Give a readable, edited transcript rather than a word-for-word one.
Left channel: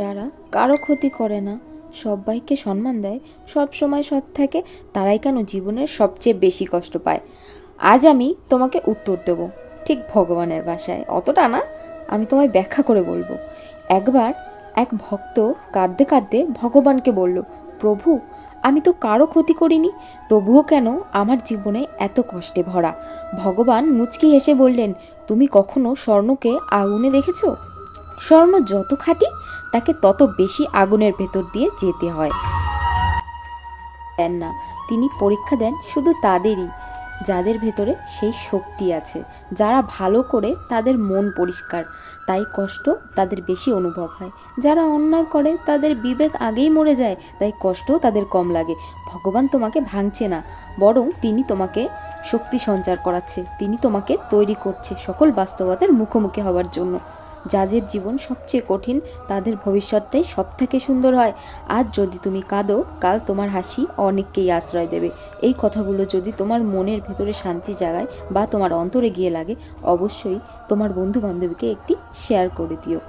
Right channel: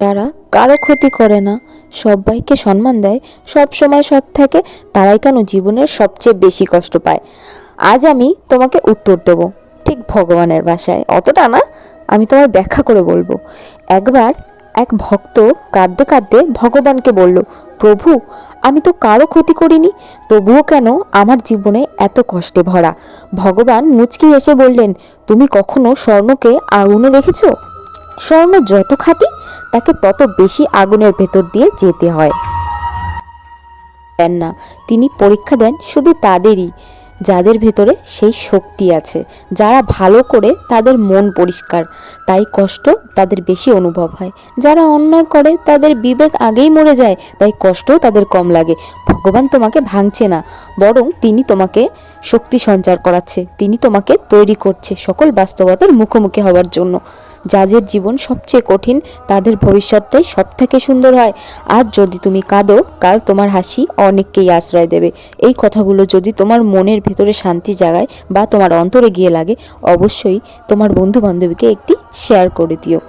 যারা কারো ক্ষতি করে না, সবাইকে সম্মান দেয়, সব সময় সৎ থাকে, তারাই কেন জীবনের সবচেয়ে বেশি কষ্ট পায়? আজ আমি তোমাকে উত্তর দেব, ঠিক ভগবানের ভাষায়, অতটা না, আমি তোমায় ব্যাখ্যা করে বলবো। একবার এক ভক্ত কাঁদতে কাঁদতে ভগবানকে বলল, প্রভু, আমি তো কারো ক্ষতি করিনি, তবুও কেন আমার জীবনে এত কষ্টে ভরা? ভগবান মুচকি হেসে বললেন, তুমি কখনো স্বর্ণকে আগুনে দেখেছো? স্বর্ণ যত খাঁটি, তাকে তত বেশি আগুনের ভেতর দিয়ে যেতে হয়। দেন না, তিনি পরীক্ষা দেন শুধু তাদেরই যাদের ভেতরে সেই শক্তি আছে, যারা ভালো করে তাদের মন পরিষ্কার, তাই কষ্ট তাদের বেশি অনুভব হয়। যারা অন্যায় করে তাদের বিবেক আগেই মরে যায়, তাই কষ্টও তাদের কম লাগে। ভগবান তোমাকে ভাঙছে না, বরং তিনি তোমাকে শক্তি সঞ্চার করাচ্ছে, তিনি তোমাকে তৈরি করছে সকল বাস্তবতার মুখোমুখি হওয়ার জন্য। যাদের জীবন সবচেয়ে কঠিন, তাদের ভবিষ্যৎটাই সব থেকে সুন্দর হয়। আজ যদি তুমি কাঁদো, কাল তোমার হাসি অনেককেই আশ্রয় দেবে। এই কথাগুলো যদি তোমার মনের ভেতরে শান্তি জাগায় বা তোমার অন্তরে গিয়ে লাগে, অবশ্যই তোমার বন্ধু বান্ধবীকে একটি শেয়ার করে দিও।